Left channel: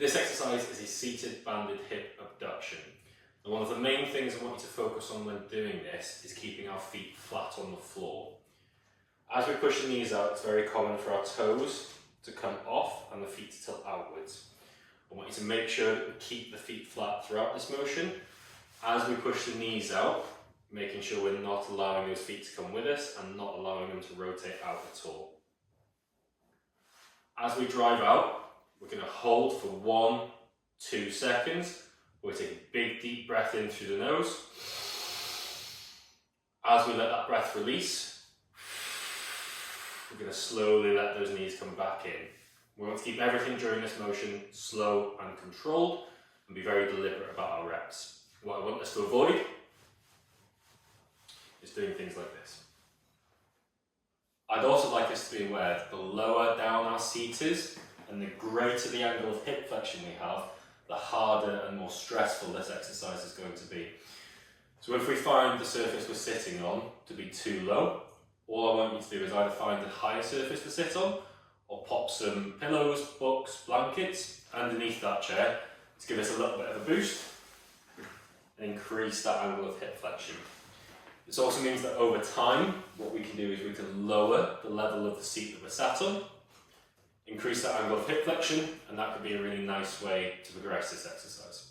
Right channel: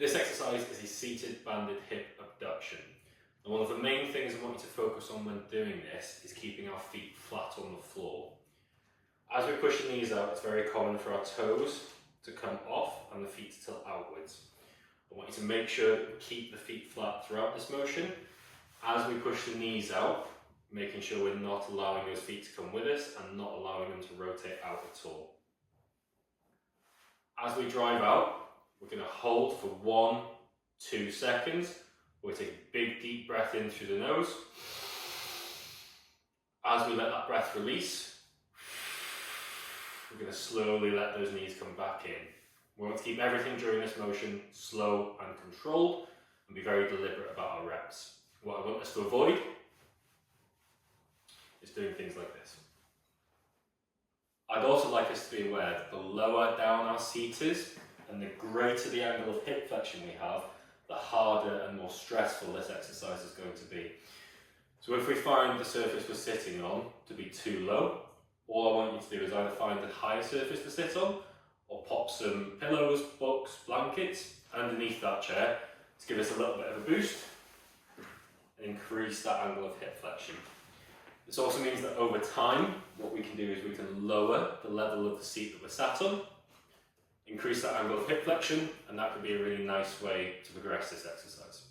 This exercise is a seated banded hip abduction. And one of the main things I want you to focus on when doing this is keeping our feet flat on the floor. As we push the knees out, it's very common for our toes to come off and the feet to tilt outwards. I want you to make sure that we keep the feet flat throughout this motion. As we push the knees out, making sure we're not allowing those feet to come with us and not allowing them to rotate out at all. As we drive out, we're going to hold for 1-2 seconds. We'll take a big deep breath in through the nose. As we let that breath release, we're going to slowly let those knees come back in. We want to keep everything during this motion slow and controlled and be very deliberate about our reps. What I want us to avoid is doing things like this. I'd also like us to be aware that the lower down our seat is and the greater the angle of hip flexion we have, the harder and more stressful this exercise is going to be. So if we find the surface we're sitting on to be too low, all I want you to do is either find a higher surface to sit on or pop some pillows, books, blankets underneath that chair to give us a little bit of a boost and increase that angle of hip flexion. This also means that over time, what we can do is we can lower the level of the seat that we're sat on, increase that angle of hip flexion, and that could be a really nice way to progress this exercise.